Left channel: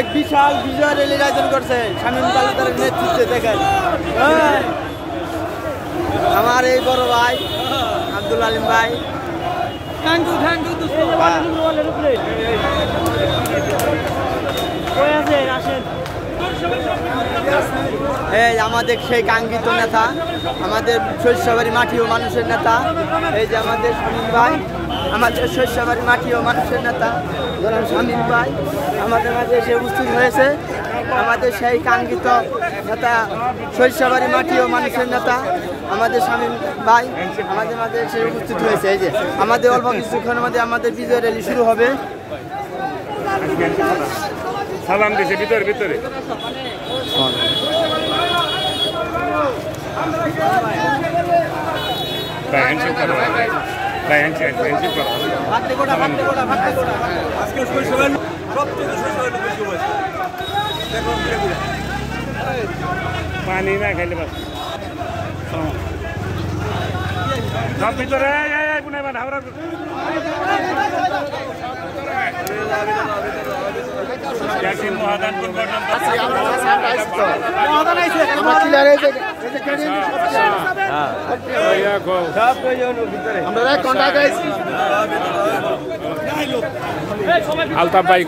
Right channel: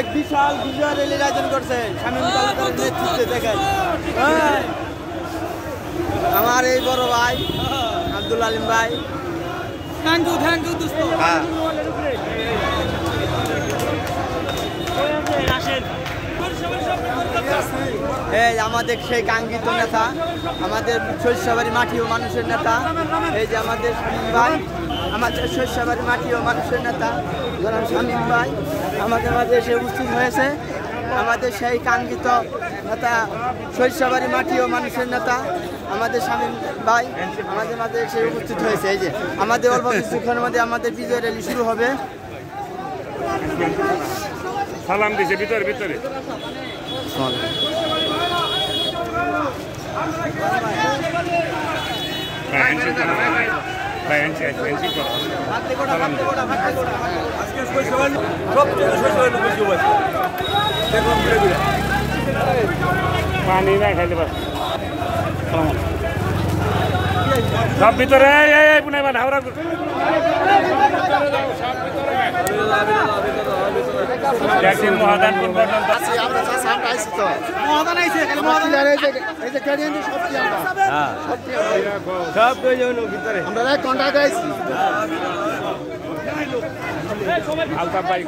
এক বিশাল বিজয় র্যালির আয়োজন করছে শামীম তালুকদারের নেতৃত্বে। দেখেন আমার এই বড় ভাই আব্দুল আলিম ভাই। এই আমাদের সেই কাঙ্ক্ষিত নেতা, আমাদের শস্যবাড়ি মাটি ও মানুষের নেতা, এই যে আমাদের শামীম ভাই, আমাদের শস্যবাড়ি মাটি ও মানুষের নেতা জনাব শামীম ভাই আমাদের মাঝে এসে উপস্থিত হয়েছে। আমাদের সেই কাঙ্ক্ষিত নেতা, শস্যবাড়ি মাটি ও মানুষের নেতা আমাদের শামীম ভাই আমাদের মাঝে এসে উপস্থিত হয়েছে। এই যে আমাদের অল্প কিছুক্ষণের মধ্যে আমাদের বিজয় র্যালি শুরু হবে। সালাম দিছে ভিতরে ভিতরে পানি না খাইলে সব ভিতরে আলতাফ ভাই